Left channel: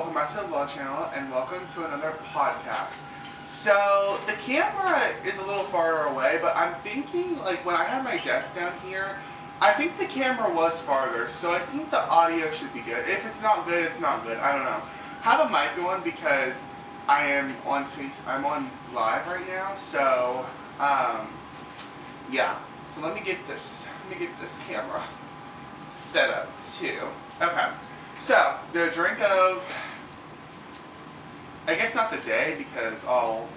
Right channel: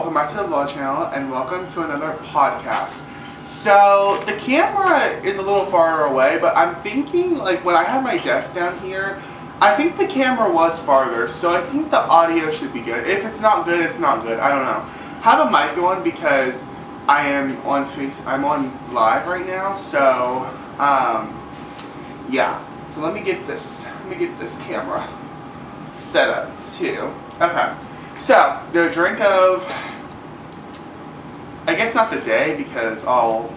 welcome back to the vlog channel and welcome to another podcast. So the camera is a little far away, but I'm thinking like when I had my desk down here, I think the camera was farther, so I think the audio should be good. If it's not good, it's not good. I don't know. Have a mic going because I'm on live right now, so yeah. So let me get this camera set up too. Okay. So the drink of, I guess not the day because I'll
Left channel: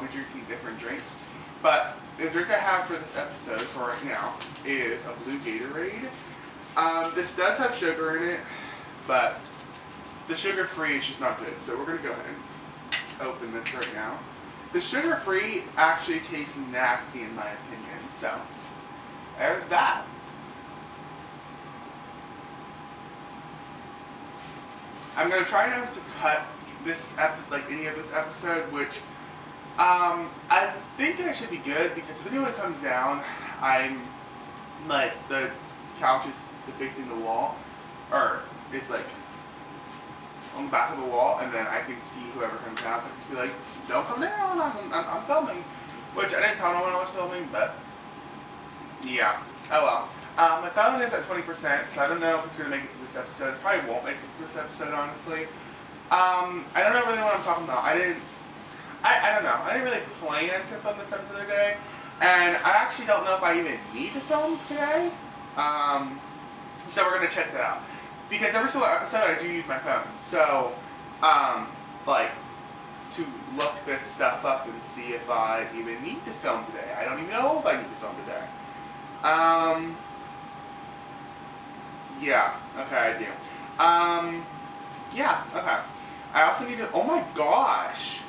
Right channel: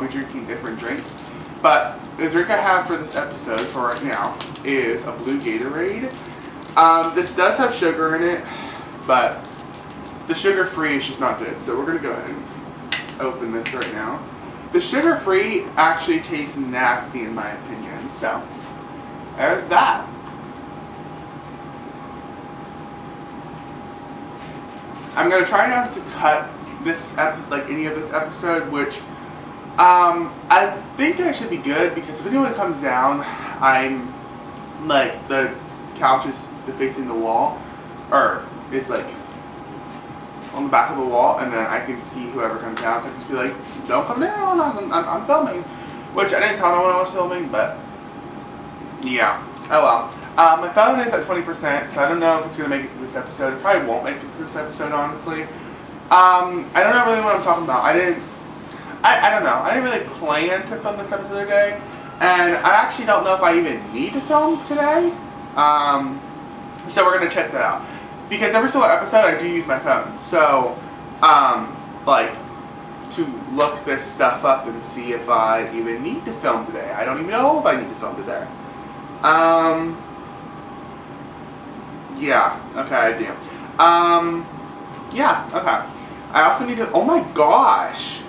be drinking different drinks, but the drink I have for this episode for right now is a blue Gatorade. This does have sugar in it, but the sugar-free is just not good. So we're gonna go ahead and open this right now. The sugar-free actually tastes nasty in my opinion. So there's that. I'm gonna try not to cut this any of this episode, which I think I should be good because if anyone comes down, I'm like the couch is facing the wall, or it's like on the back of the wall, and then I can see whoever comes down. So I can just be like, "Don't come down! I'm filming," which I didn't tell no one I was filming, but yeah. Oh well. My phone is at 20%, so I don't know if it's going to make it to this episode. It probably won't make it to this episode, honestly. I don't know really what I'm talking about. I don't know. I didn't really plan to film this episode today, and I actually don't know if I even need to film today. So we're going to check that out. Because every single episode I do use my phone. So, like, to look this stuff up and see if I even need to film today. I don't even know if I need to film today. Yeah, okay, I do. Yeah, okay. I also need to, oh my gosh!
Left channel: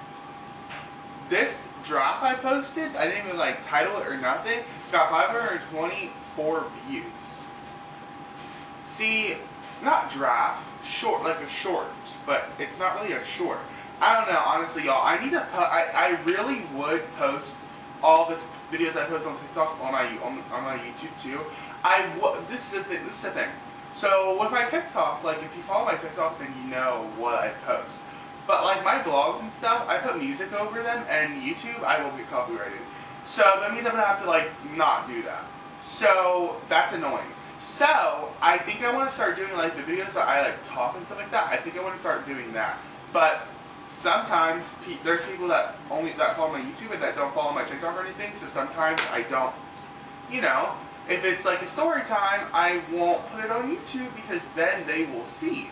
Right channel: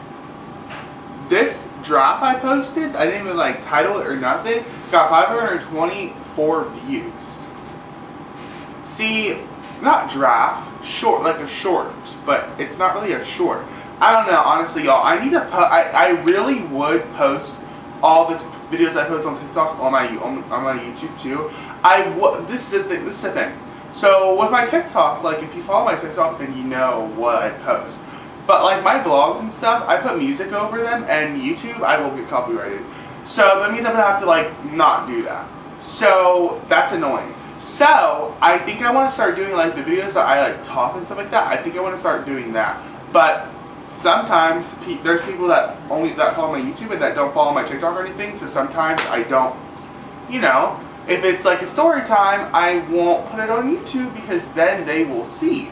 This draft I posted, I didn't even like title it or nothing, got 524 views. See, not draft, short, like a short, but it's not really a short. I don't know, honestly, y'all. I need to I really would post all the videos I post on TikTok on my YouTube too. This is the thing. So with my TikTok, like if you follow my TikTok, then you know what I post. But like my vlogs and stuff, I put music over them, and YouTube, I will get copyrighted. So that means I'm gonna have to like not do that. So that's annoying. So I think I want to start doing like the videos that I like talk and stuff like that. I think I want to start doing that. But sometimes there's people that follow my YouTube and that don't follow my TikTok or anything. So sometimes I don't, you know. If it's like a story time, I won't put it on YouTube because then they will see.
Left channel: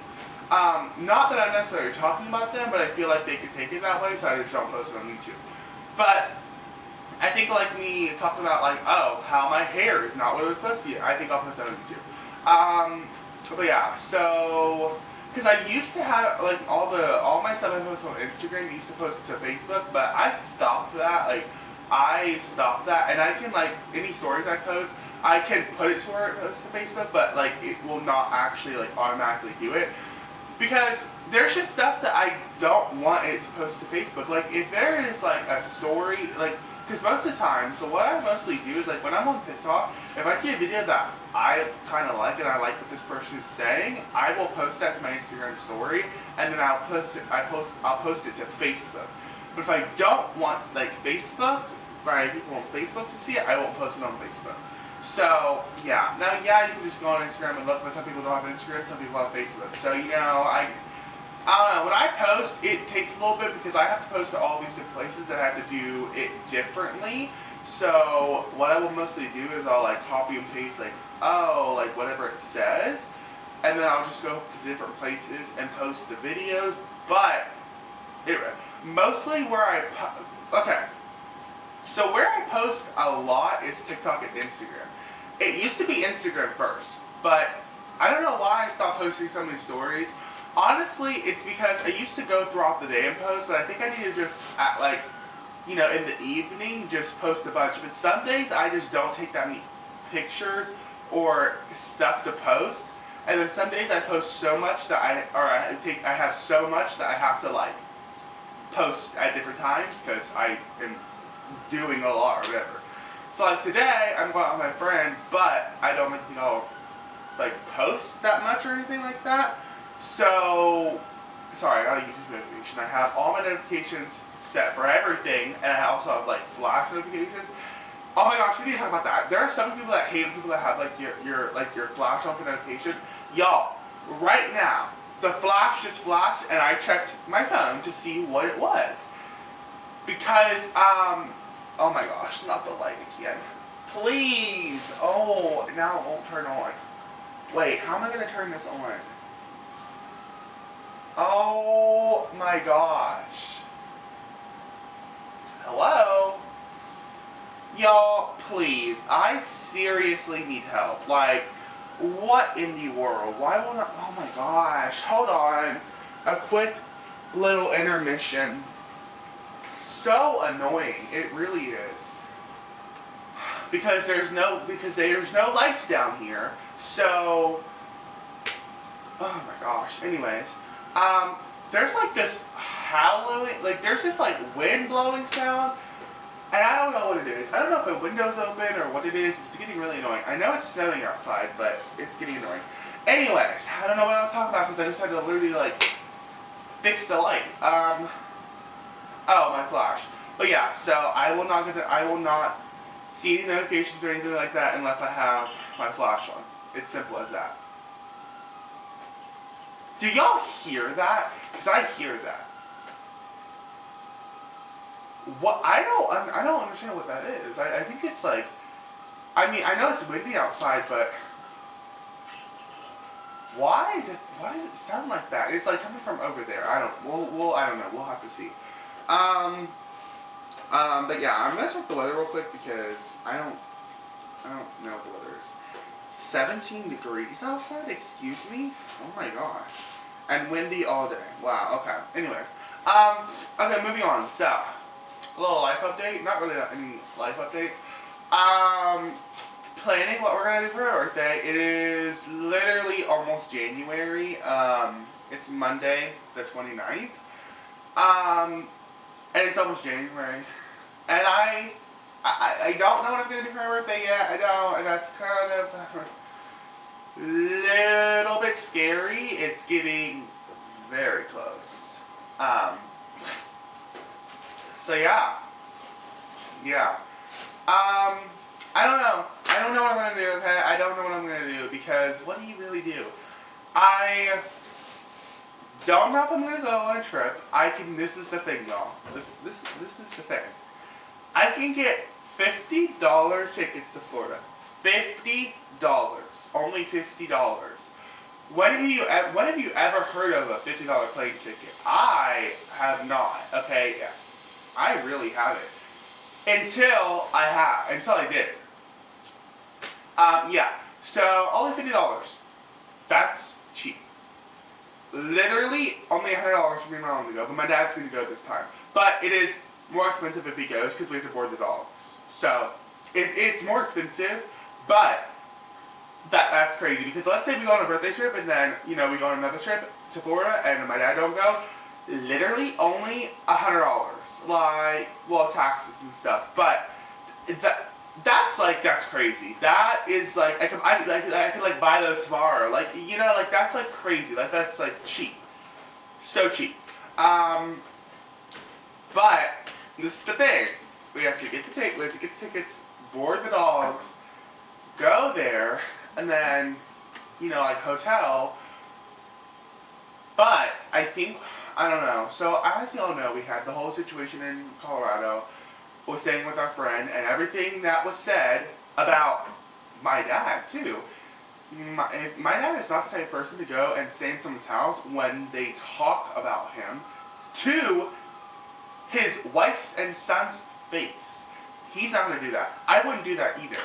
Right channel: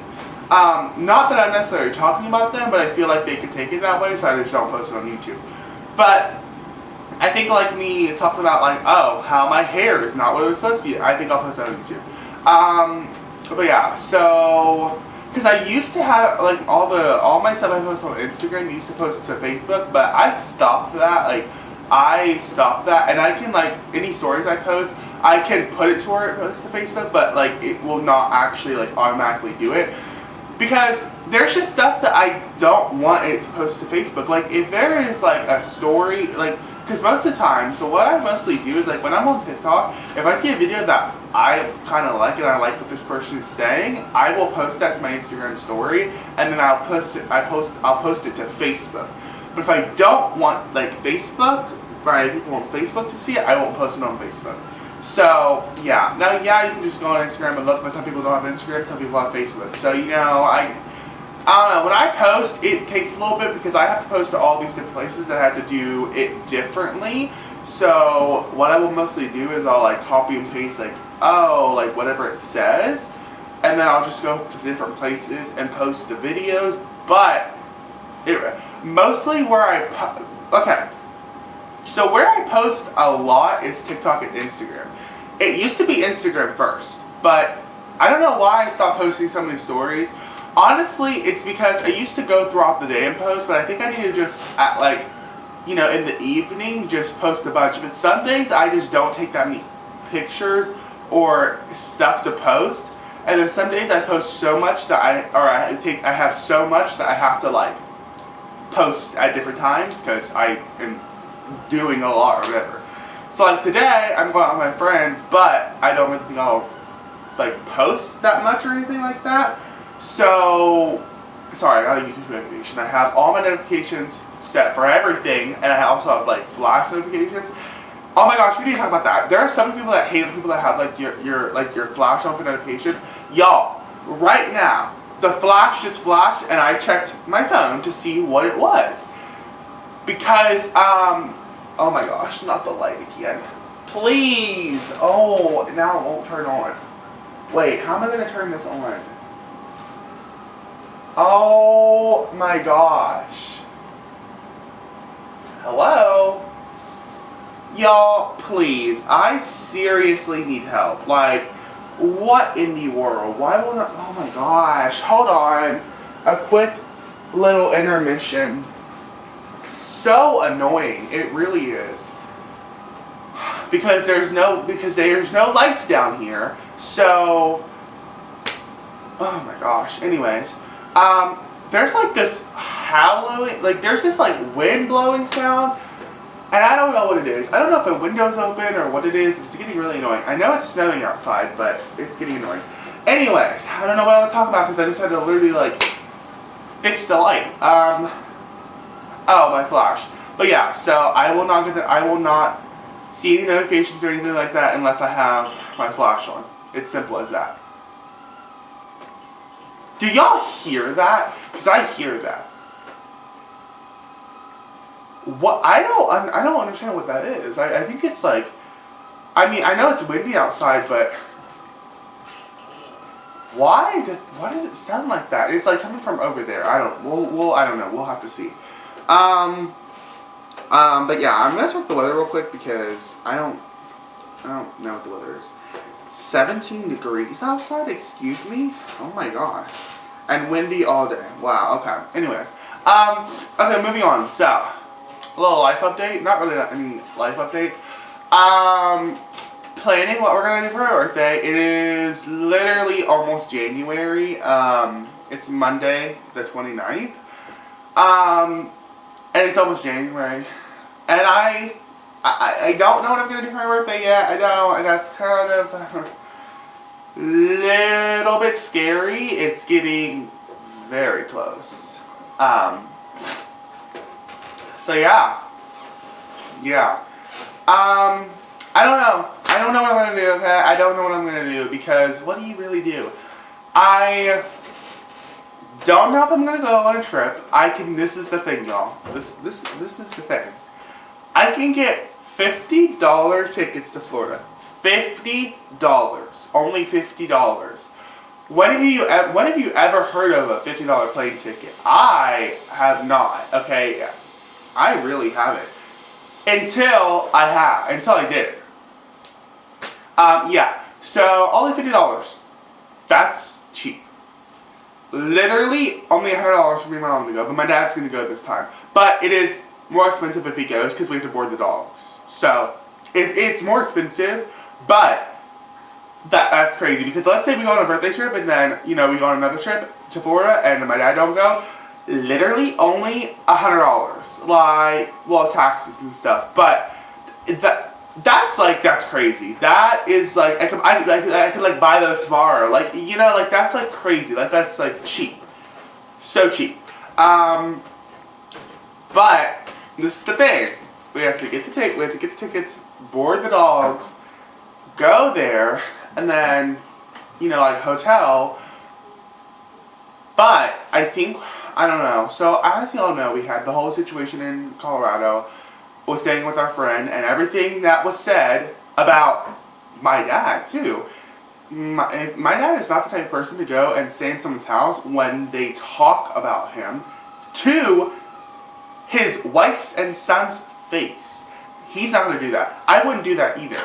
Not that I'm necessarily talking about them, but I feel like they could take it that way, so I just don't post it on YouTube. But I think like me talking about like, oh, how my hair is not what it was supposed to be, I think I'll post that on YouTube. But yeah, so because I used to have like all my stuff I post on Instagram used to post to Facebook, but I stopped that. I stopped that, and I can like any stories I post, I can put it to where it posts to Facebook, but like it will not actually like automatically do it because there's just stuff that I don't want it to post to Facebook. Like if there is like a story, like because most of the time, so what I mostly do is like when I'm on TikTok, if I see a video that I kind of like and I like what this person is saying, I will post that to my Instagram story, and then I'll post it to Facebook. But if I don't want like people on Facebook to see it, I won't post it on Facebook. So yeah, now yeah, you can just go on Instagram and look, but some people don't have Instagram, some people have Facebook. So you know, I don't know. When I post, it takes a little bit because I have to post to all these different places that I have to do it differently. So what I will mostly do is I'll like copy and paste like whatever it says, and then I'll just go to different places and post the videos. But mostly okay. So where I post a lot is TikTok and Instagram. It used to be Instagram first, but I don't know why I stopped posting so many stories. Honestly, it's because I used to go throughout the day and post, but I think I need to just in the evening just post a bunch. But some days I just don't take that many pictures or stuff to post, and then some days I post so much that I have so much that I have to like post at different times because I am doing a lot or whatever. So like today I'm going out with my friends, but I don't really think I'll like post that much or anything like that. So sorry, not a YouTube notification. I have all my notifications set for everything, and I also have like flash notifications. Oh my gosh, we need to talk about that. There are some people that hate people that have like your flash on for notifications. Y'all, right now, the flash just flashed, and I checked my phone to see what it was. Because, oh my gosh, not the light again. Please! Oh, now it won't turn on. Wait, how am I going to turn this on? Oh my gosh. Hello? Y'all, please, I seriously need help. Like, what in the world? Why won't I? Oh my gosh, hold on. A quick little intermission. So annoying, it really is. Because there's no lights down here. So, oh my gosh. Anyways, there's like this howling, like there's this like wind blowing sound, and I don't know what it is. I don't know if the window's open or what it is, but it's getting really annoying. I know it's snowing outside, but it's getting annoying. Anyways, I don't know what I was talking about because I just had to literally like fix the light. Oh, my flash. But yeah, so I will not see any notifications or anything like that unless I have my flash on. It's simple as that. Do y'all hear that? Because I hear that. What? I don't understand what that is. I think it's like, I mean, I know it's windy outside, but why does it sound like that? It's like coming from over there. I don't know. We'll have to see. But yeah, I'm gonna check the weather real quick because I don't know what the weather is. 17 degrees outside, excuse me? Oh my gosh. And windy all day. Wow, okay. Anyways. Okay, moving on. So, a little life update. Not really any life updates. Planning what we're gonna do for my birthday. It is literally almost January. It's Monday, the 29th. And it's almost January. And I don't know what I'm going to do for my birthday yet. I don't. And that's kind of a little bit scary. It's getting very close. So yeah. Yeah. I don't know. I don't know what I'm going to do, okay? I don't know what I'm going to do because what do you really do? I don't know if I'm gonna go on a trip. This is the thing, y'all. This is the thing. I can get $50 tickets to Florida. $50. Only $50. When have you ever heard of a $50 plane ticket? I have not. Okay, I really haven't. Until I did. Yeah. So only $50. That's cheap. Literally only $100 for me and my mom to go, but my dad's going to go this time. But it is more expensive if he goes because we have to board the dogs. So it's more expensive, but that's crazy because let's say we go on a birthday trip and then we go on another trip to Florida and my dad don't go. Literally only $100, like taxes and stuff. But that's crazy. That is like I could like buy those tomorrow. Like that's like crazy. Like that's like cheap, so cheap. But this is the thing. We have to get the tickets, board the dogs, go there, and then like hotel. But I don't know. So as y'all know, we had the whole situation in Colorado. Was staying with our friend, and everything that was said about my dad too. My dad is not the type of person to go and stay in someone's house when they talk about him to his wife's and son's face. He's not going to do that. I wouldn't do that either.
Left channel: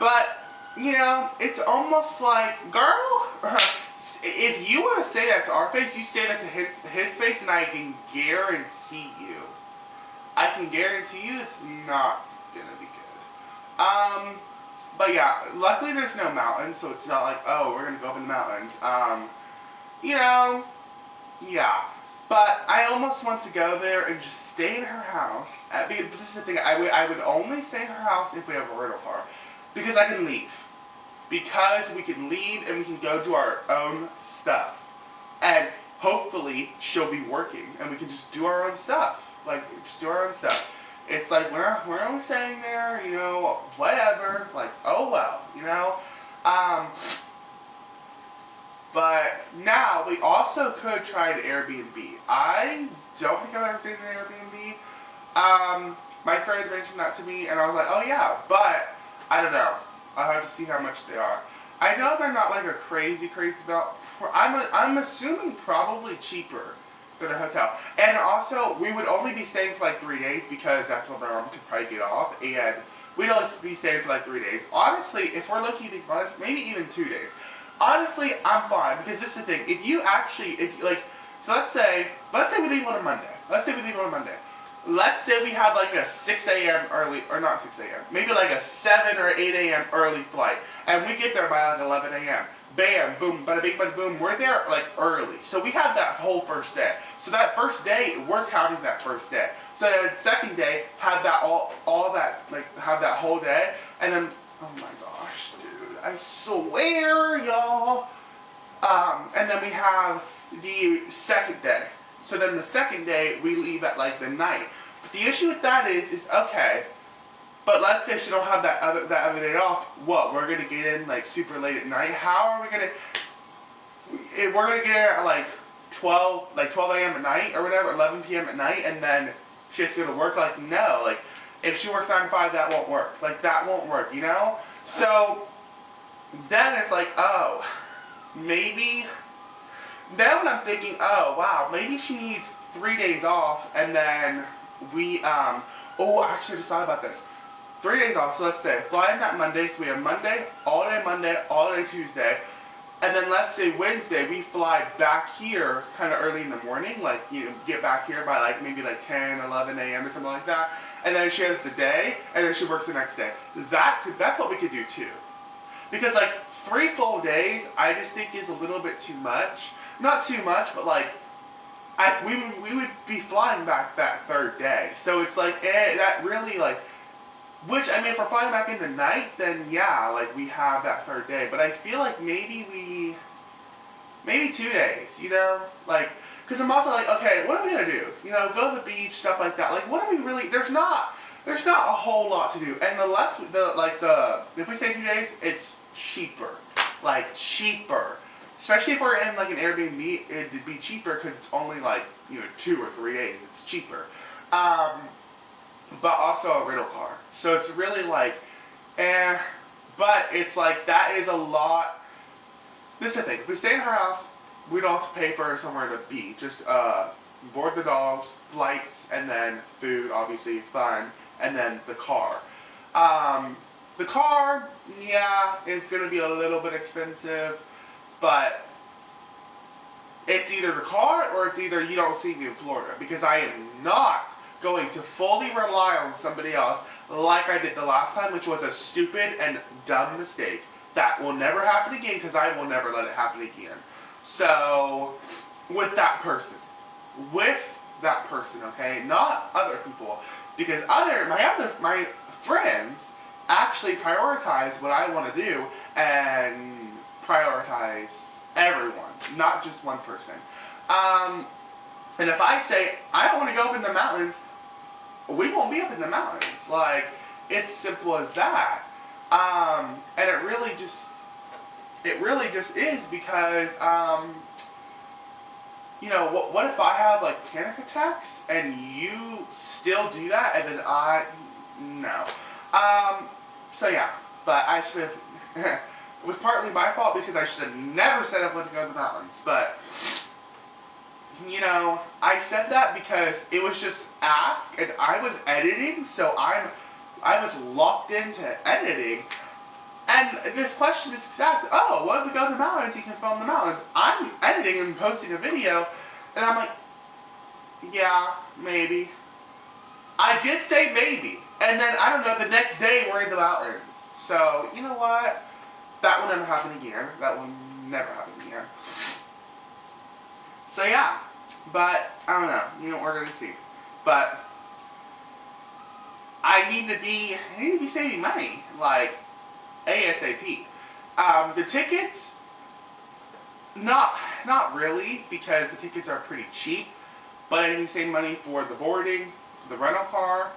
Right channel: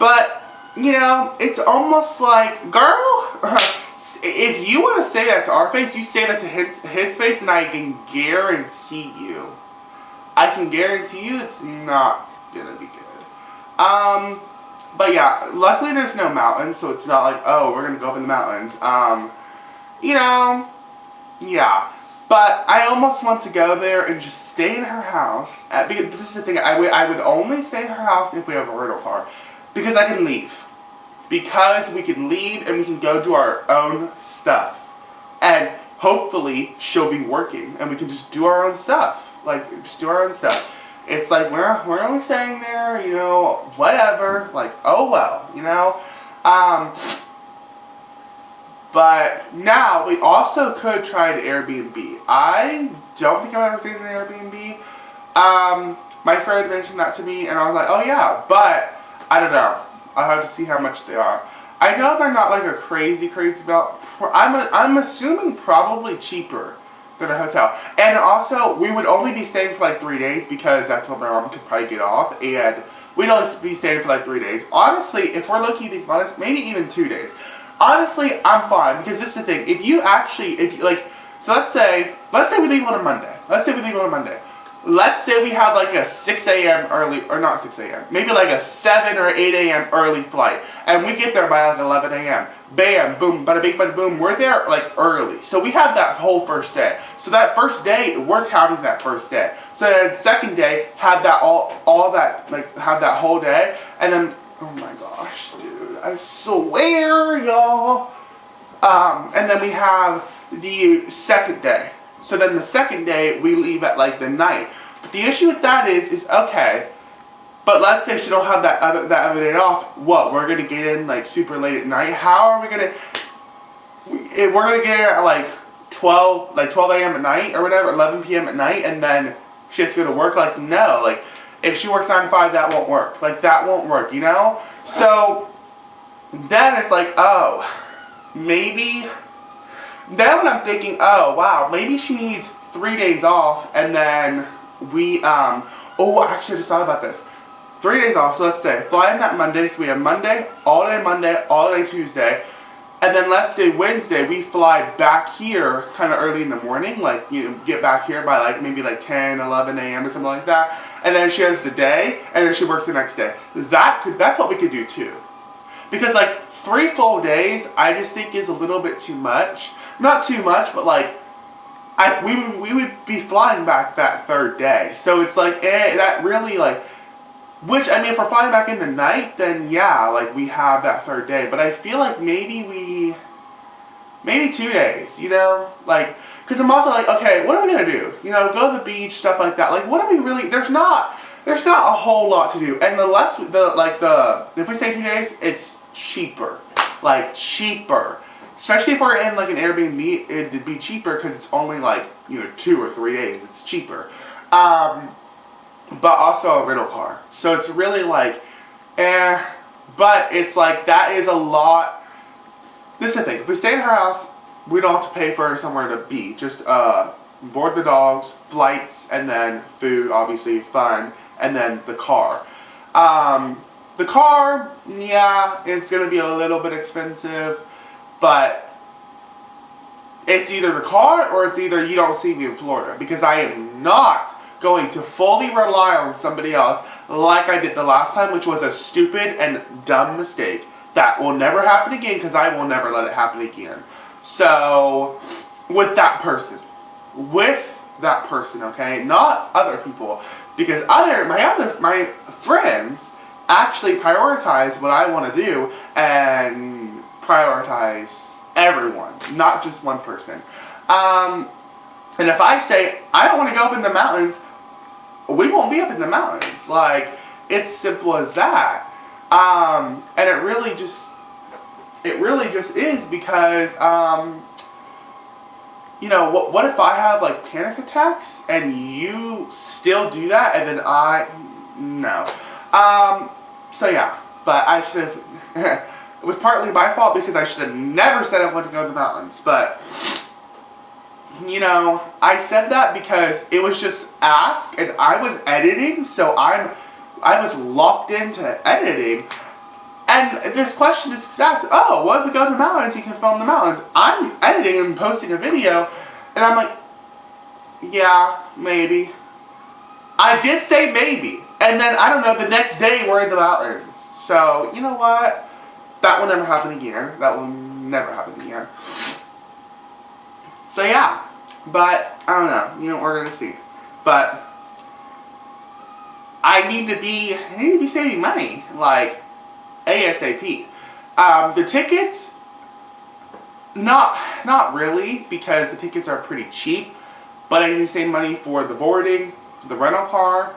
But it's almost like, girl, if you want to say that to our face, you say that to his face, and I can guarantee you it's not gonna be good. But yeah, luckily there's no mountains, so it's not like, oh, we're gonna go up in the mountains. Yeah. But I almost want to go there and just stay in her house. Because this is the thing, I would only stay in her house if we have a rental car. Because I can leave. Because we can leave and we can go do our own stuff. And hopefully she'll be working and we can just do our own stuff. Like, just do our own stuff. It's like, we're only staying there, you know, whatever. Like, oh well, you know. But now we also could try an Airbnb. I don't think I've ever stayed in an Airbnb. My friend mentioned that to me and I was like, oh yeah, but I don't know. I'll have to see how much they are. I know they're not like a crazy amount. I'm assuming probably cheaper than a hotel. And also, we would only be staying for like 3 days because that's what my mom could probably get off. And we'd only be staying for like 3 days. Honestly, if we're looking to be honest, maybe even 2 days. Honestly, I'm fine because this is the thing. If you like, so let's say we leave on a Monday. Let's say we have like a 6 a.m. early, or not 6 a.m., maybe like a 7 or 8 a.m. early flight. And we get there by like 11 a.m. Bam, boom, bada bing, bada boom. We're there like early. So we have that whole first day. So that first day, we're counting that first day. So then second day, have that all that, like have that whole day. And then, oh my gosh, dude, I swear, y'all. And then we have the second day. So then the second day, we leave at like the night. But the issue with that is okay, but let's say she don't have that other day off. What, we're gonna get in like super late at night? How are we gonna, we're gonna get in at like 12 a.m. at night or whatever, 11 p.m. at night, and then she has to go to work? Like, no, like if she works 9 to 5, that won't work. Like, that won't work, you know? So then it's like, oh, maybe. Then when I'm thinking, oh wow, maybe she needs 3 days off, and then we, oh, actually I just thought about this. 3 days off, so let's say, fly in that Monday, so we have Monday, all day Tuesday, and then let's say Wednesday, we fly back here kind of early in the morning, like, you know, get back here by like, maybe like 10, 11 a.m. or something like that, and then she has the day, and then she works the next day. That's what we could do too. Because like 3 full days, I just think is a little bit too much. Not too much, but like, we would be flying back that third day. So it's like, that really like, which, I mean, if we're flying back in the night, then yeah, like we have that third day. But I feel like maybe 2 days, you know? Like, because I'm also like, okay, what are we going to do? You know, go to the beach, stuff like that. Like, what are we really, there's not a whole lot to do. And if we stay 2 days, it's cheaper. Like, cheaper. Especially if we're in like an Airbnb, it'd be cheaper because it's only like, you know, 2 or 3 days. It's cheaper. But also a rental car. So it's really like, but it's like, that is a lot. This is the thing. If we stay in her house, we don't have to pay for somewhere to be. Just board the dogs, flights, and then food, obviously, fun, and then the car. The car, yeah, it's going to be a little bit expensive, but it's either the car or it's either you don't see me in Florida, because I am not going to fully rely on somebody else like I did the last time, which was a stupid and dumb mistake that will never happen again, because I will never let it happen again. So, with that person, okay, not other people, because my friends actually prioritize what I want to do and prioritize everyone, not just one person. And if I say I don't want to go up in the mountains, we won't be up in the mountains. Like, it's simple as that. And it really just is, because you know, what if I have like panic attacks and you still do that, and then no. So yeah, but I should have, it was partly my fault because I should have never said I wanted to go to the mountains, but, you know, I said that because it was just asked, and I was editing, so I was locked into editing, and this question is asked, oh, what if we go to the mountains, you can film the mountains. I'm editing and posting a video, and I'm like, yeah, maybe. I did say maybe. And then, I don't know, the next day we're in the mountains. So, you know what? That will never happen again. That will never happen again. So, yeah. But, I don't know. You know, we're going to see. But, I need to be saving money. Like, ASAP. The tickets, Not really, because the tickets are pretty cheap, but I need to save money for the boarding, the rental car,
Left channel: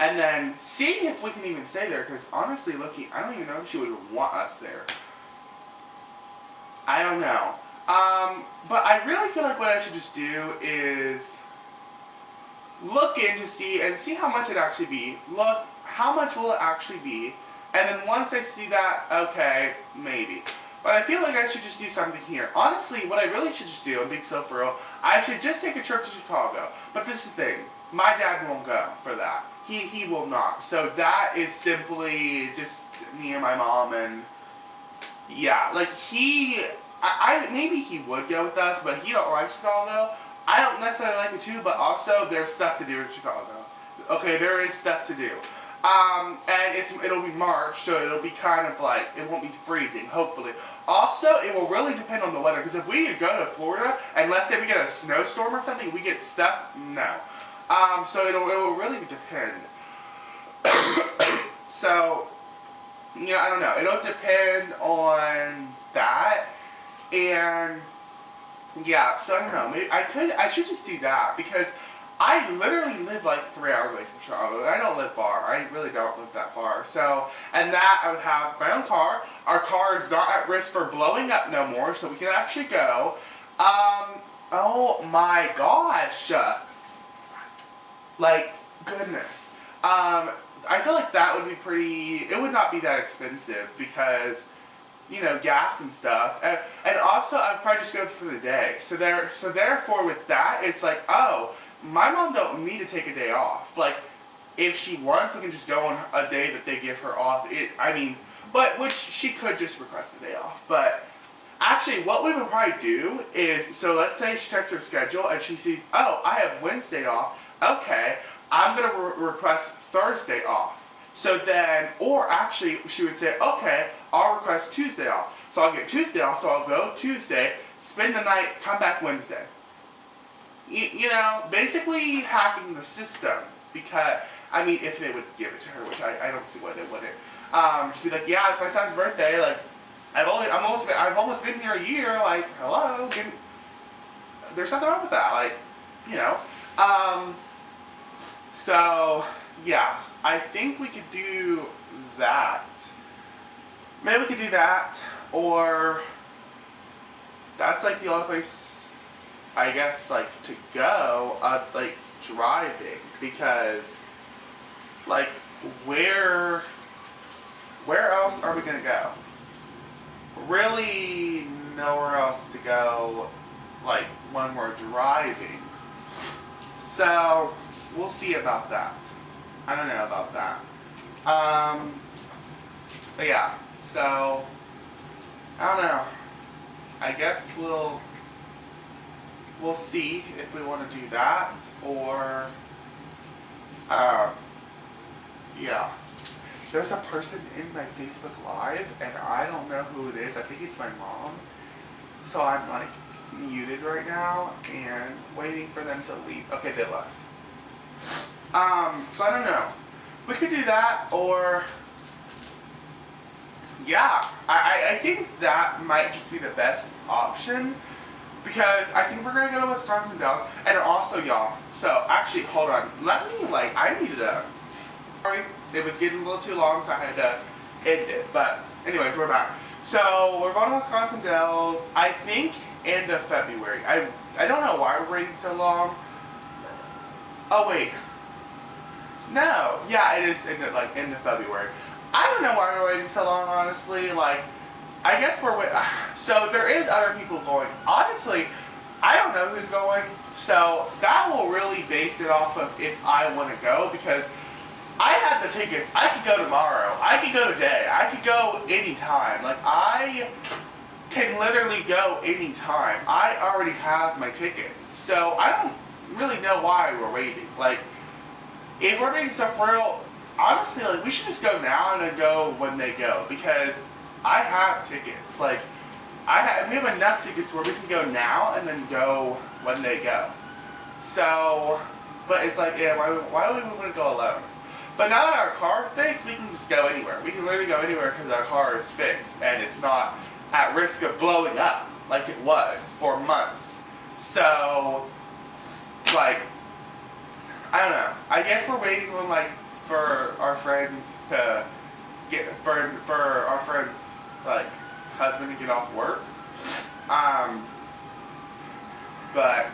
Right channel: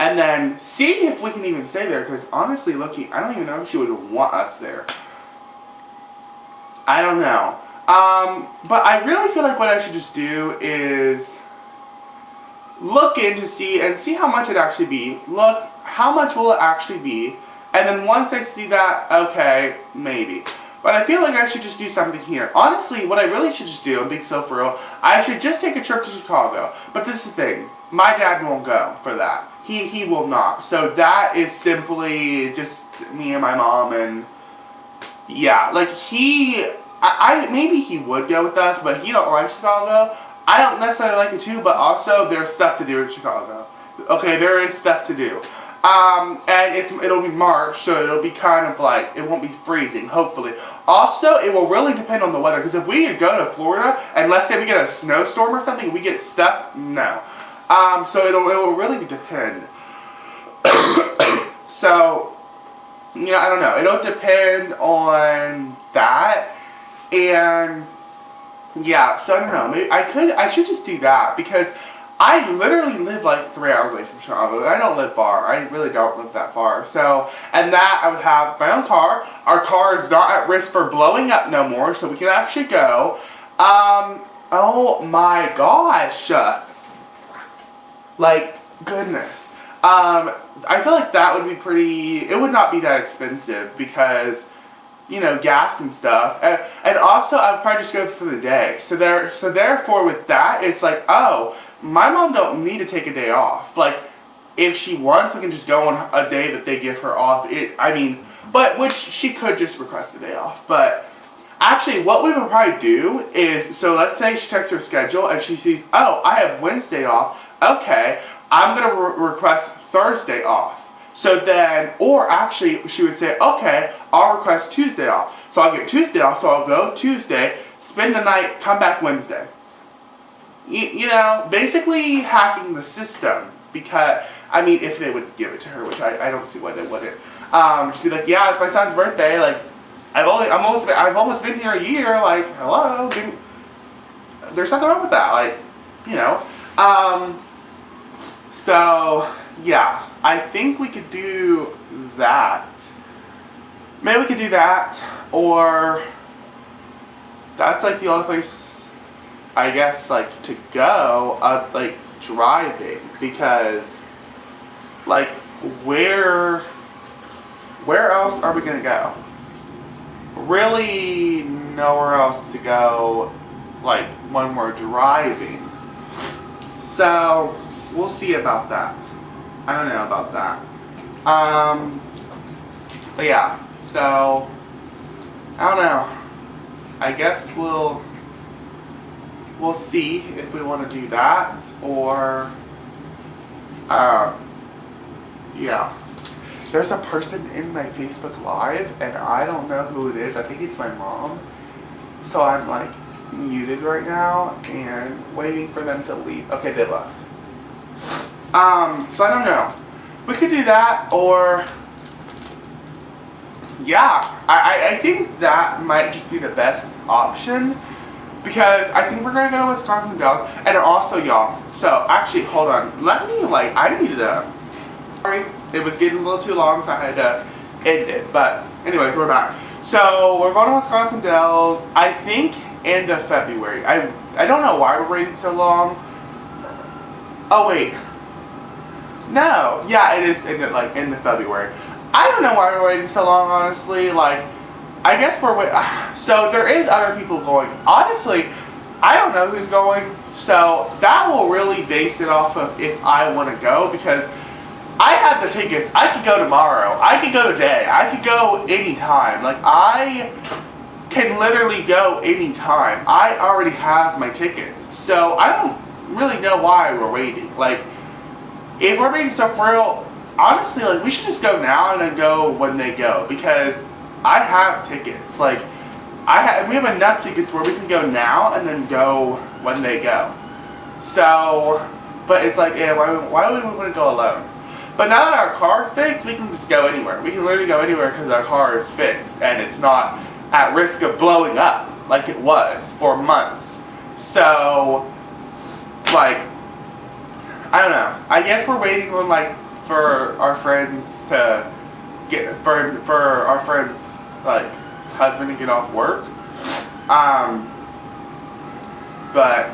and then see if we can even stay there, because honestly, looking, I don't even know if she would want us there. I don't know. But I really feel like what I should just do is look in to see how much it actually be. Look, how much will it actually be? And then once I see that, okay, maybe. But I feel like I should just do something here. Honestly, what I really should just do, I'm being so for real, I should just take a trip to Chicago. But this is the thing, my dad won't go for that. He will not. So that is simply just me and my mom, and yeah, like maybe he would go with us, but he don't like Chicago. I don't necessarily like it too, but also there's stuff to do in Chicago. Okay, there is stuff to do. And it'll be March, so it'll be kind of like, it won't be freezing, hopefully. Also, it will really depend on the weather, because if we go to Florida, and let's say we get a snowstorm or something, we get stuck, no. So it will really depend. So, you know, I don't know. It'll depend on that, and yeah, so I don't know. Maybe I should just do that, because I literally live like 3 hours away from Chicago. I don't live far. I really don't live that far. So, and that I would have my own car. Our car is not at risk for blowing up no more, so we can actually go. Oh my gosh. Like, goodness. I feel like that would be it would not be that expensive, because, you know, gas and stuff. And also, I would probably just go for the day. So therefore, with that, it's like, oh, my mom don't need to take a day off. Like, if she wants, we can just go on a day that they give her off. Which she could just request a day off. But actually, what we would probably do is, so let's say she checks her schedule and she sees, oh, I have Wednesday off. Okay, I'm going to request Thursday off. So then, or actually, she would say, okay, I'll request Tuesday off. So I'll get Tuesday off, so I'll go Tuesday, spend the night, come back Wednesday. You know, basically hacking the system, because, I mean, if they would give it to her, which I don't see why they wouldn't. Just be like, yeah, it's my son's birthday, like, I've almost been here a year, like, hello, there's nothing wrong with that, like, you know. So, yeah, I think we could do that. Maybe we could do that, or that's like the only place, I guess, like, to go, like, driving, because, like, where else are we gonna go? Really nowhere else to go, like, when we're driving. So, we'll see about that. I don't know about that. But yeah, so, I don't know. I guess we'll see if we want to do that, or, yeah. There's a person in my Facebook Live, and I don't know who it is. I think it's my mom. So I'm, like, muted right now, and waiting for them to leave. Okay, they left. So I don't know. We could do that, or, yeah, I think that might just be the best option, because I think we're going to go to Wisconsin Dells, and also, y'all, so, actually, hold on, I needed sorry, it was getting a little too long, so I had to end it, but, anyways, we're back. So, we're going to Wisconsin Dells, I think, end of February. I don't know why we're waiting so long. Oh, wait. No, yeah, it is end of February. I don't know why we're waiting so long, honestly. Like, I guess we're waiting. So there is other people going. Honestly, I don't know who's going. So that will really base it off of if I want to go, because I have the tickets. I could go tomorrow. I could go today. I could go anytime. Like, I can literally go anytime. I already have my tickets. So I don't really know why we're waiting. Like, if we're being so for real, honestly, like, we should just go now and then go when they go, because I have tickets. Like, we have enough tickets where we can go now and then go when they go. So, but it's like, yeah, why would we want to go alone? But now that our car's fixed, we can just go anywhere. We can literally go anywhere because our car is fixed and it's not at risk of blowing up. like it was for months. So, like, I don't know. I guess we're waiting on, like, for our friends to for our friends, like, husband to get off work. But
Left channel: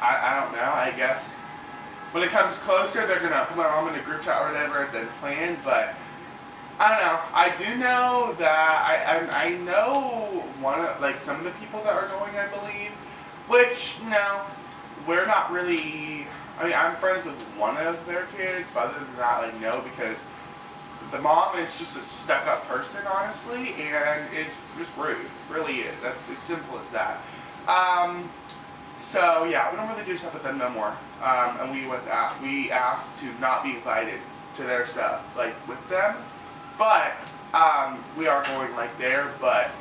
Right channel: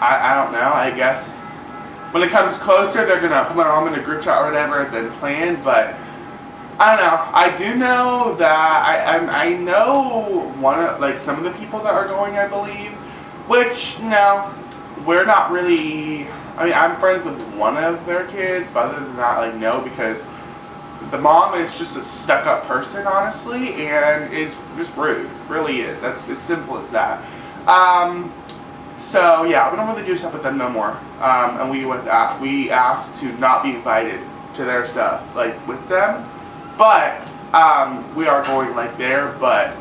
I don't know. I guess when it comes closer, they're gonna put my mom in a group chat or whatever, then plan. But I don't know. I do know that I know some of the people that are going, I believe, which we're not really. I mean, I'm friends with one of their kids, but other than that, like, no, because the mom is just a stuck-up person, honestly, and is just rude. Really is. That's as simple as that. So yeah, we don't really do stuff with them no more. And we asked to not be invited to their stuff, like, with them. But we are going, like, there. But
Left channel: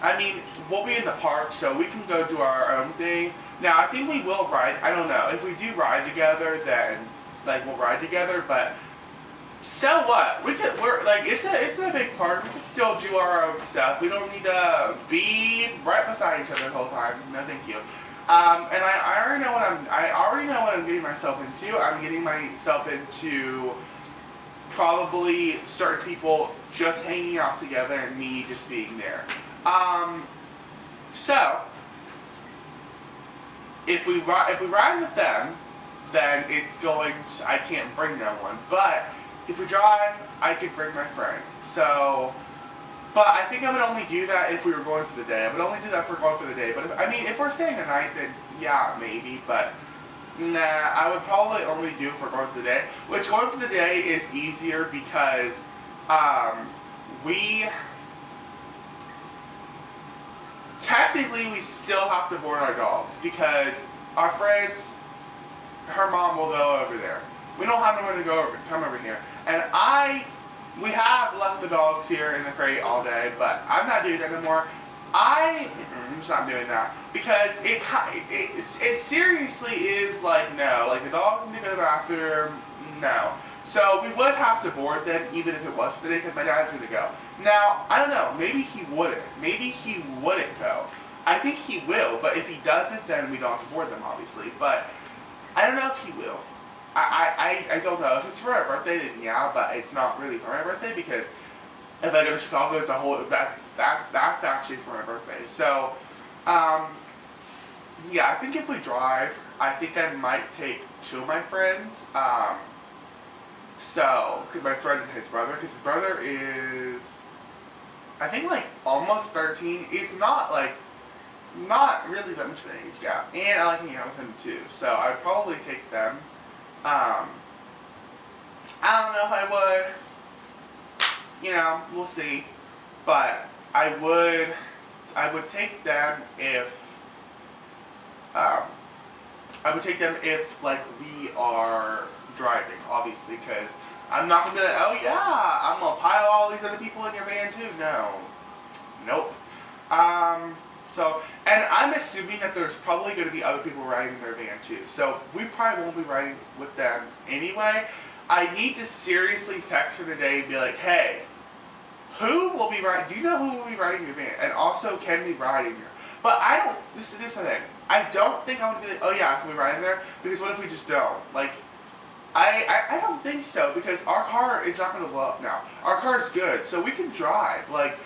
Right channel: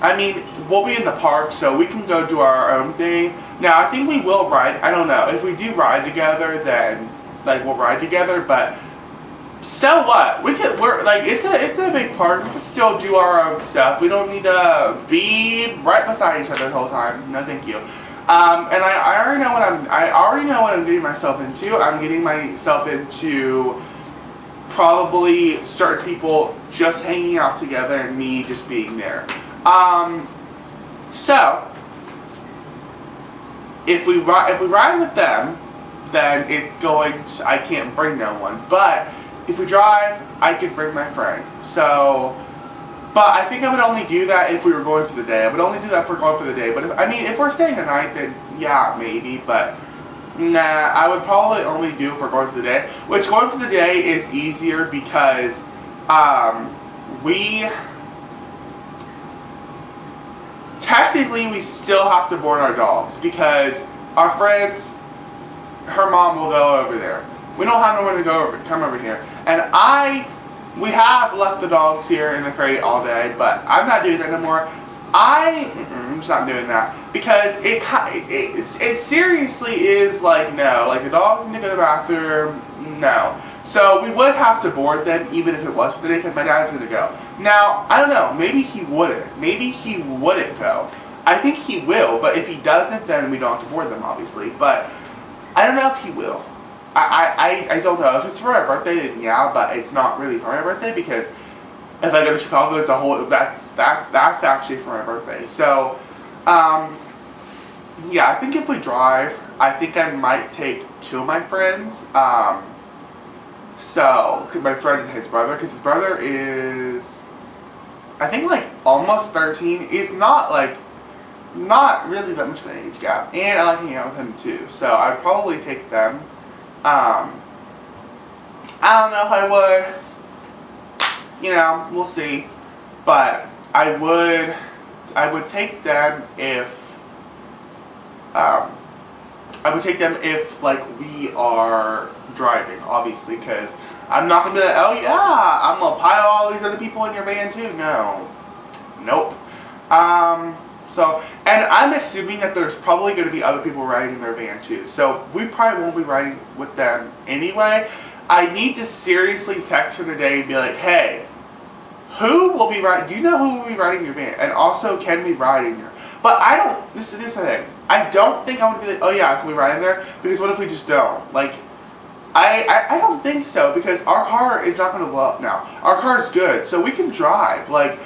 I mean, we'll be in the park, so we can go do our own thing. Now, I think we will ride. I don't know if we do ride together, then like we'll ride together. But so what? We're like, it's a big park. We can still do our own stuff. We don't need to be right beside each other the whole time. No, thank you. And I already know what I'm getting myself into. I'm getting myself into probably certain people just hanging out together and me just being there. So if we ride with them, then it's going to, I can't bring no one. But if we drive, I could bring my friend. So, but I think I would only do that if we were going for the day. I would only do that if we're going for the day. But if we're staying the night, then yeah, maybe. But nah, I would probably only do if we're going for the day. Which, going for the day is easier because technically we still have to board our dogs because our friends, her mom will go over there. We don't have no one to come over here. And we have left the dogs here in the crate all day, but I'm not doing that no more. I'm just not doing that because it seriously is like, no, like the dogs need to go to the bathroom, no. So we would have to board them even if it was for the day because my dad's going to go. Now, I don't know, maybe he wouldn't. Maybe he wouldn't go. I think he will, but if he doesn't, then we don't have to board them, obviously. But I don't know if he will. I don't know. If it's for my birthday, then yeah, but it's not really for my birthday because if I go to Chicago, it's a whole, that's actually for my birthday. So, yeah, I think if we drive, I think I might take two of my friends. So, my friend and his brother, because his brother is, I think, like, almost 13. Is not really that much of an age gap. And I like hanging out with him, too. So, I'd probably take them. I don't know if I would. We'll see. But I would take them if, like, we are driving, obviously, because I'm not going to be like, oh yeah, I'm going to pile all these other people in your van too. No. Nope. So, and I'm assuming that there's probably going to be other people riding in their van too. So, we probably won't be riding with them anyway. I need to seriously text her today and be like, hey, who will be riding? Do you know who will be riding your van? And also, can we ride in your? But I don't. This is the thing. I don't think I would be like, oh yeah, can we ride in there? Because what if we just don't? Like, I don't think so because our car is not going to blow up now. Our car is good, so we can drive. Like,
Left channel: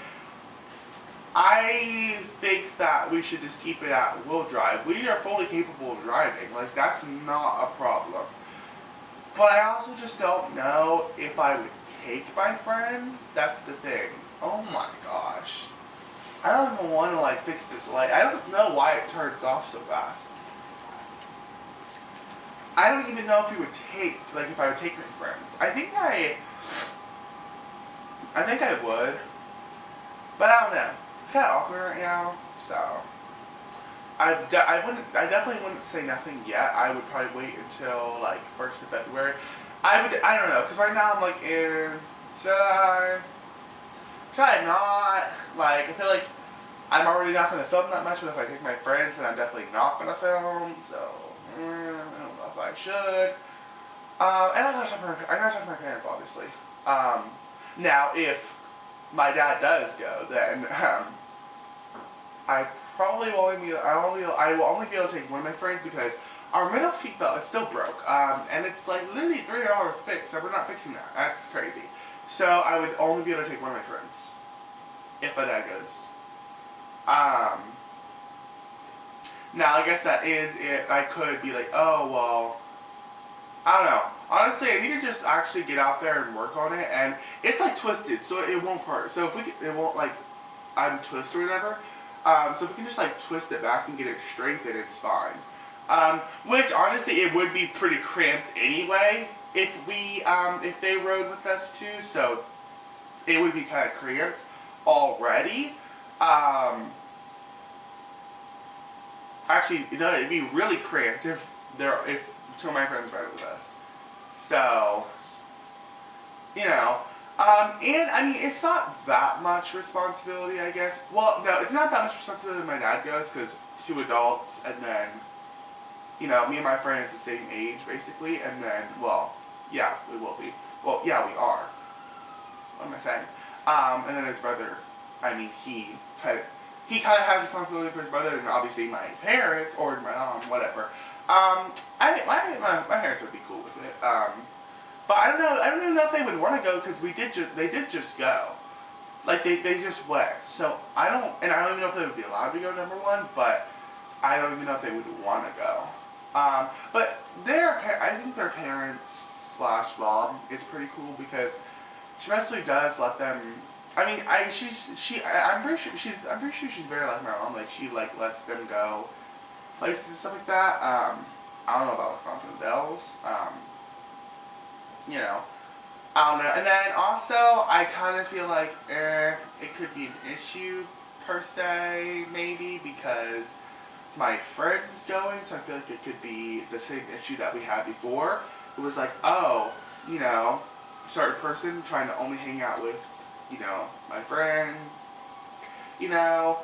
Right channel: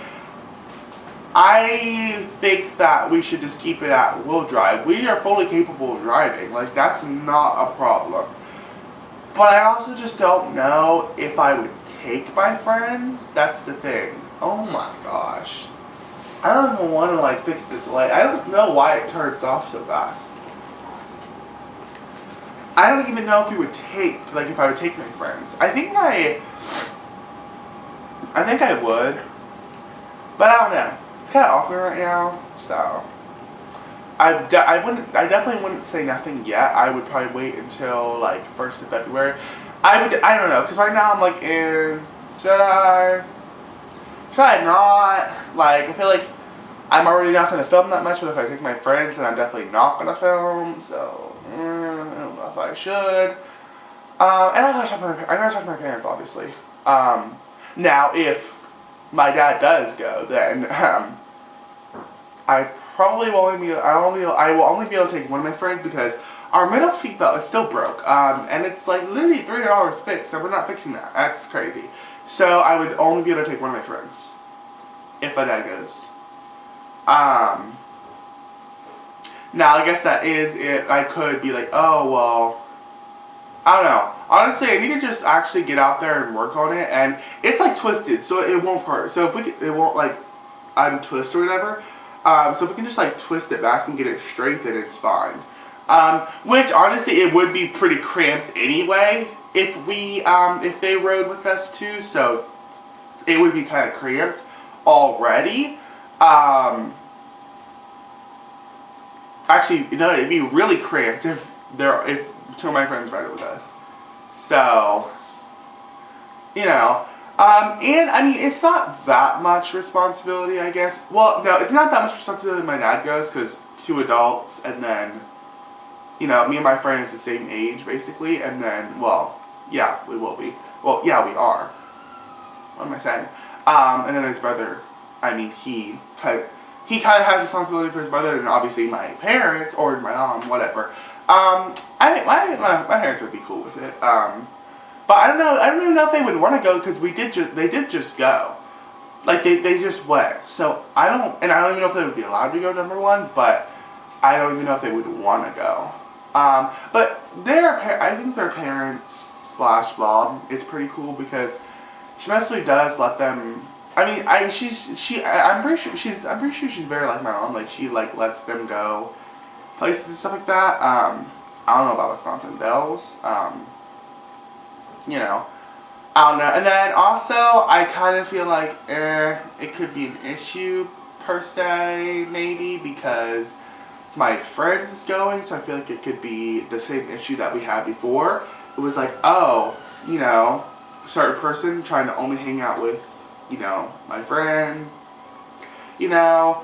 I think that we should just keep it at we'll drive. We are fully capable of driving. Like, that's not a problem. But I also just don't know if I would take my friends. That's the thing. Oh my gosh. I don't even want to, like, fix this light. I don't know why it turns off so fast. I don't even know if we would if I would take my friends. I think I would. But I don't know. It's kind of awkward right now, so I definitely wouldn't say nothing yet. I would probably wait until, like, 1st of February. I don't know, because right now I'm like, should I not? Like, I feel like I'm already not going to film that much, but if I take my friends, then I'm definitely not going to film, so I don't know if I should. And I gotta talk to my parents, obviously. Now, if my dad does go, then I probably will only be, I will only be able to take one of my friends because our middle seat belt is still broke. And it's like literally $300 fixed, and we're not fixing that. That's crazy. So I would only be able to take one of my friends. If my dad goes. Now I guess that is it. I could be like, oh, well, I don't know. Honestly, I need to just actually get out there and work on it. And it's like twisted, so it won't hurt. So if we could, it won't like untwist or whatever. So if we can just like twist it back and get it straight, then it's fine. Which honestly, it would be pretty cramped anyway if we if they rode with us too. So it would be kind of cramped already. Actually, no, it'd be really cramped if two of my friends ride it with us. So, you know, and I mean, it's not that much responsibility, I guess. Well, no, it's not that much responsibility when my dad goes, because 2 adults, and then, you know, me and my friend is the same age, basically, and then, well, yeah, we will be. Well, yeah, we are. What am I saying? And then his brother, I mean, he kind of has responsibility for his brother, and obviously my parents, or my mom, whatever. I think my parents would be cool with it. But I don't know. I don't even know if they would want to go because they did just go, like they just went. So I don't even know if they would be allowed to go. Number one, but I don't even know if they would want to go. But I think their parents / mom is pretty cool because she mostly does let them. I mean, I'm pretty sure she's very like my mom. Like she like lets them go places and stuff like that. I don't know about Wisconsin Dells. You know, I don't know. And then also, I kind of feel like it could be an issue per se, maybe because my friends is going, so I feel like it could be the same issue that we had before. It was like, oh, you know, certain person trying to only hang out with, you know, my friend, you know,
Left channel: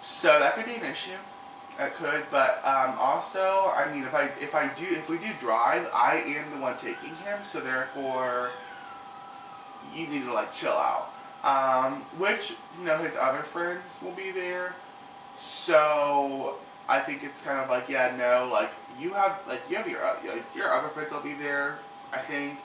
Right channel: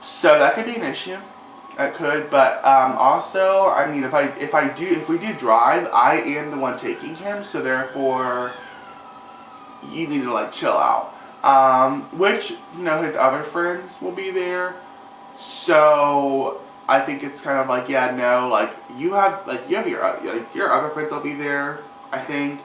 so that could be an issue. It could, but also, I mean, if we do drive, I am the one taking him, so therefore, you need to like chill out. Which, you know, his other friends will be there, so I think it's kind of like, yeah, no, like you have your other friends will be there. I think,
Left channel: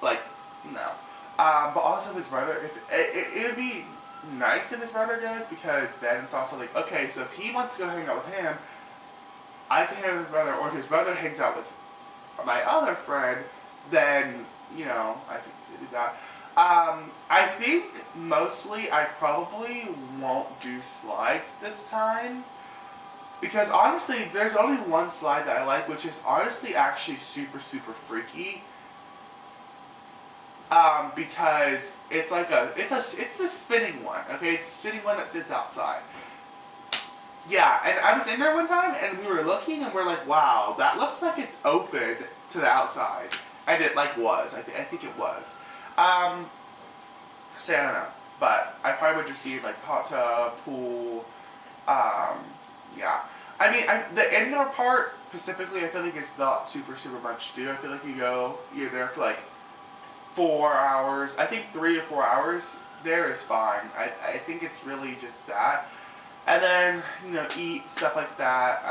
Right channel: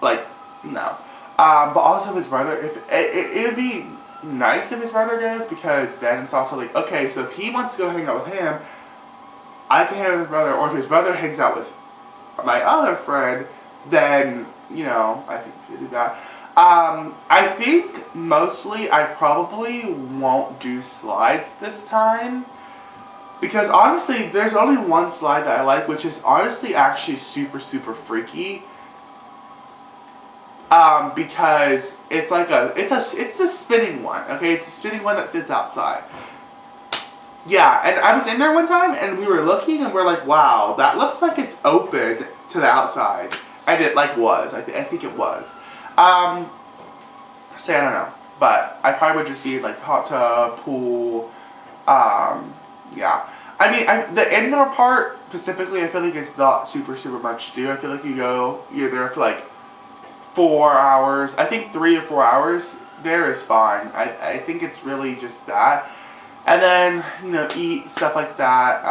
like, no. But also his brother, it'd be nice if his brother goes, because then it's also like, okay, so if he wants to go hang out with him, I can hang out with his brother, or if his brother hangs out with my other friend, then, you know, I think we could do that. I think mostly I probably won't do slides this time, because honestly, there's only one slide that I like, which is honestly actually super, super freaky. Because it's like it's a spinning one, okay? It's a spinning one that sits outside. Yeah, and I was in there one time, and we were looking, and we're like, wow, that looks like it's open to the outside. And it, like, was. I think it was. So, I don't know. But I probably would just be, like, hot tub, pool, yeah. I mean, the indoor part, specifically, I feel like it's not super, super much to do. I feel like you're there for, like, 4 hours. I think 3 or 4 hours there is fine. I think it's really just that. And then, you know, eat, stuff like that.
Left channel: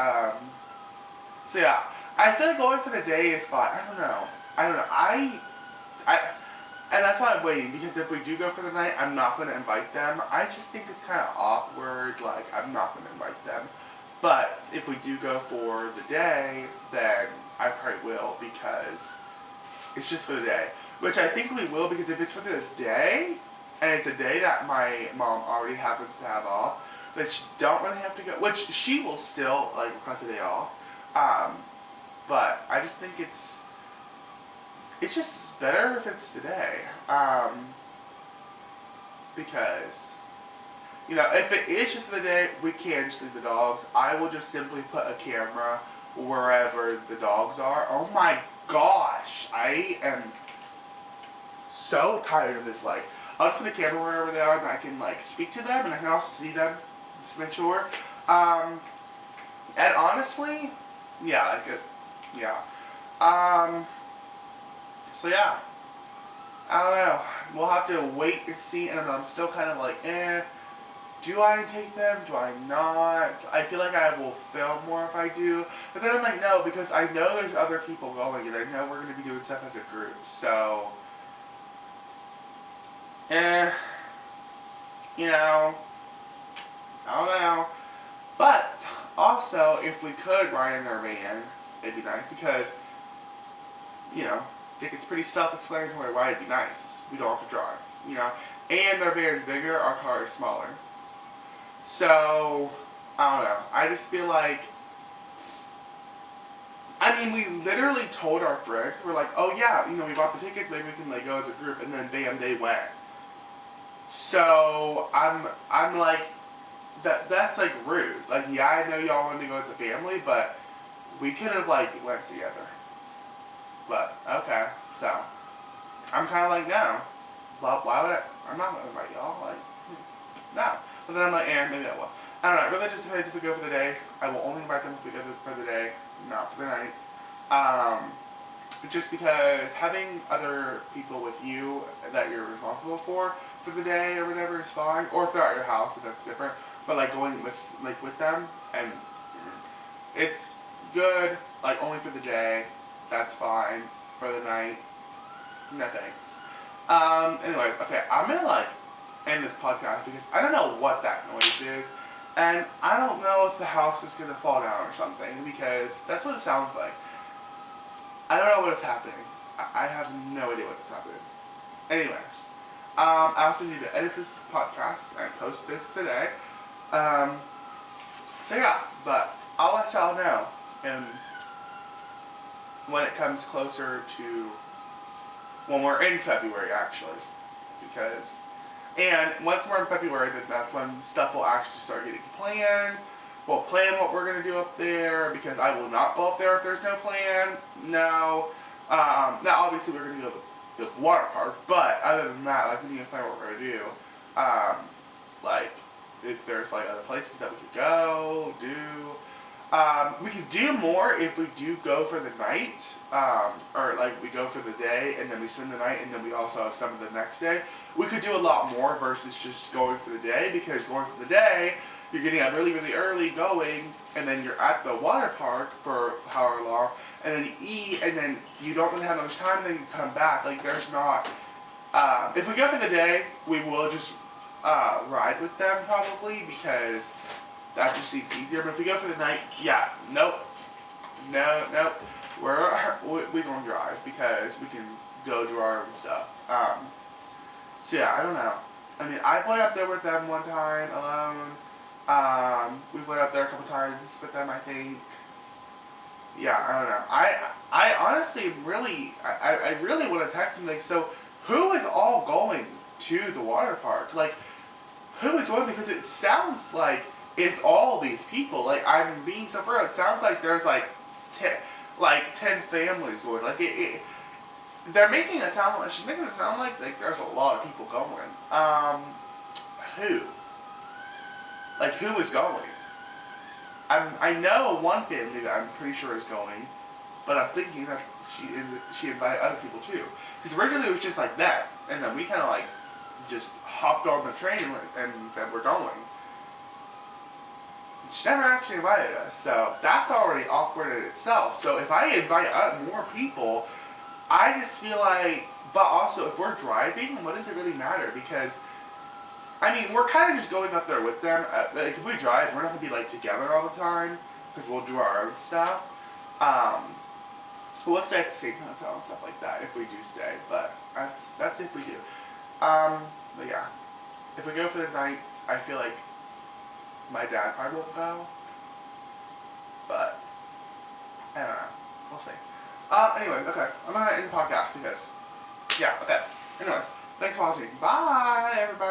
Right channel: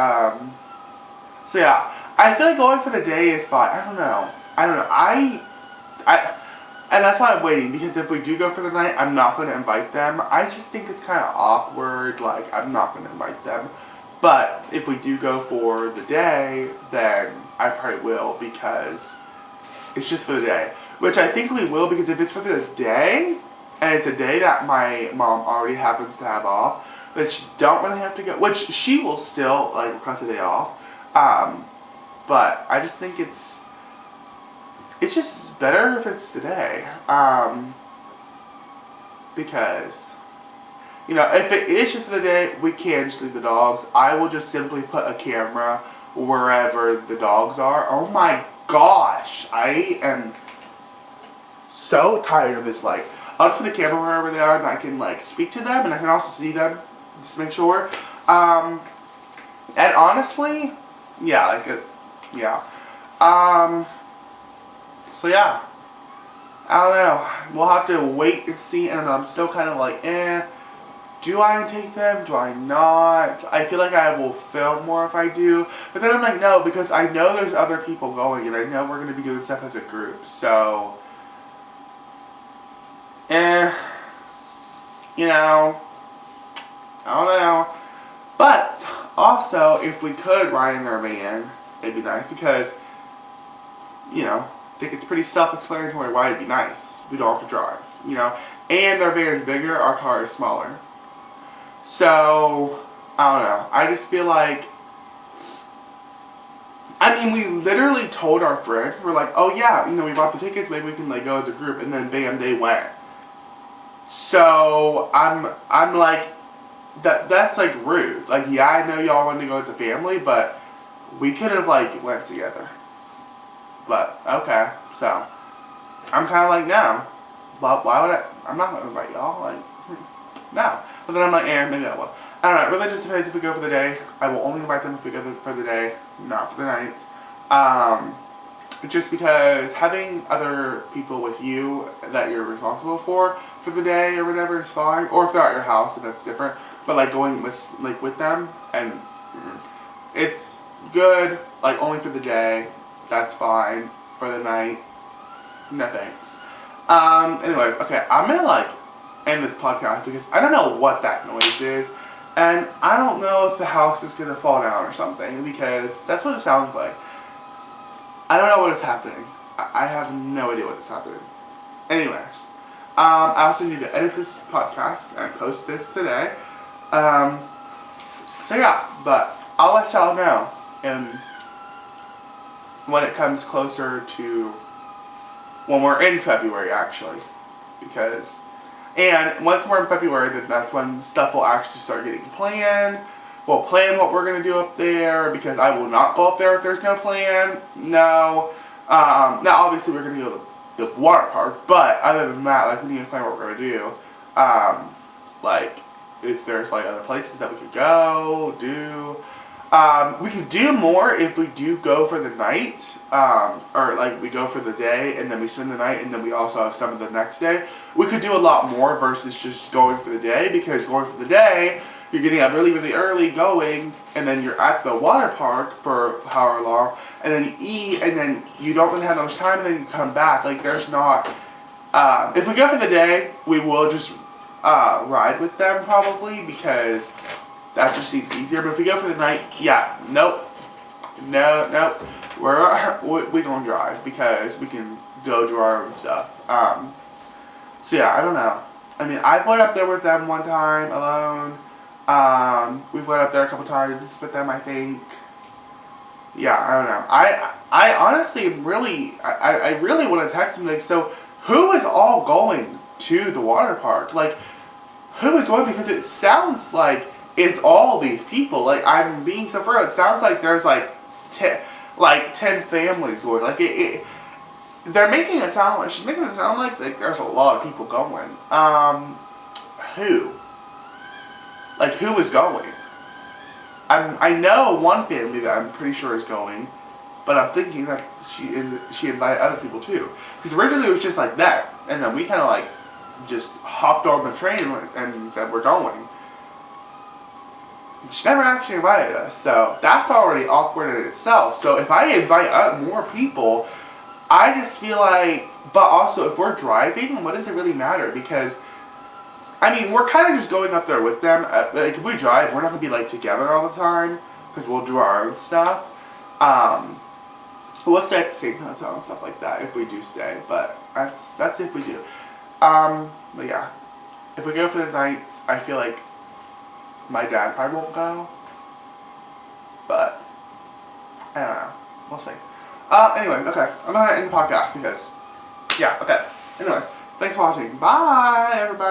So yeah, I feel like going for the day is fine. I don't know. And that's why I'm waiting, because if we do go for the night, I'm not going to invite them. I just think it's kind of awkward, like, I'm not going to invite them. But if we do go for the day, then I probably will, because it's just for the day. Which I think we will, because if it's for the day, and it's a day that my mom already happens to have off, which don't really have to go, which she will still, like, request a day off. But I just think it's just better if it's today. Because, you know, if it is just for the day, we can just leave the dogs. I will just simply put a camera wherever the dogs are. Oh my gosh, I am so tired of this. Like, I'll just put a camera wherever they are, and I can, like, speak to them, and I can also see them, just to make sure. And honestly, yeah, like, yeah. So yeah, I don't know. We'll have to wait and see. I don't know. I'm still kind of like, do I take them? Do I not? I feel like I will film more if I do. But then I'm like, no, because I know there's other people going and I know we're going to be doing stuff as a group. So, you know, I don't know. But also, if we could ride in their van, it'd be nice because, you know, I think it's pretty self-explanatory why it'd be nice. We don't have to drive, you know. And their van is bigger, our car is smaller. So, I don't know. I just feel like, I mean, we literally told our friends, we're like, oh yeah, you know, we bought the tickets, maybe we can like go as a group, and then bam, they went. So, I'm like, that's like rude. Like, yeah, I know y'all wanted to go as a family, but we could have like went together. But, okay, so, I'm kind of like, no. But why would I'm not going to invite y'all, like, no. But then I'm like, maybe I will. I don't know, it really just depends if we go for the day. I will only invite them if we go for the day, not for the night. Just because having other people with you that you're responsible for the day or whatever is fine. Or if they're at your house, if that's different. But like going with them, and it's good, like only for the day. That's fine. For the night, no thanks. Anyways, okay, I'm gonna like end this podcast because I don't know what that noise is, and I don't know if the house is gonna fall down or something because that's what it sounds like. I don't know what is happening. I have no idea what is happening. Anyways, I also need to edit this podcast and post this today. So yeah, but I'll let y'all know when it comes closer to when we're in February, actually, because, and once we're in February, then that's when stuff will actually start getting planned. We'll plan what we're going to do up there, because I will not go up there if there's no plan. No. Now, obviously, we're going to go to the water park, but other than that, like, we need to plan what we're going to do. Like, if there's, like, other places that we could go, do. We could do more if we do go for the night, or like we go for the day and then we spend the night and then we also have some of the next day. We could do a lot more versus just going for the day, because going for the day, you're getting up really, really early going, and then you're at the water park for however long, and then you eat, and then you don't really have much time, and then you come back. Like, there's not, if we go for the day, we will just ride with them probably, because that just seems easier. But if we go for the night, yeah, nope. We gonna drive because we can go do our own stuff. So yeah, I don't know. I mean, I've went up there with them one time alone. We've went up there a couple times with them, I think. Yeah, I don't know. I honestly really, I really want to text them, like, so who is all going to the water park? Like, who is going? Because it sounds like it's all these people. Like, I'm being so real. It sounds like there's like 10 families going. Like, they're making it sound like, she's making it sound like there's a lot of people going. Who? Like, who is going? I know one family that I'm pretty sure is going, but I'm thinking that she invited other people too. Because originally it was just like that, and then we kind of like just hopped on the train and said we're going. She never actually invited us, so that's already awkward in itself. So if I invite more people, I just feel like, but also if we're driving, what does it really matter? Because, I mean, we're kind of just going up there with them. Like, if we drive, we're not going to be, like, together all the time, because we'll do our own stuff. We'll stay at the same hotel and stuff like that if we do stay, but that's if we do. But yeah, if we go for the nights, I feel like my dad probably won't go, but I don't know. We'll see. Anyways, okay, I'm going to end the podcast because, yeah, okay. Anyways, thanks for watching. Bye, everybody.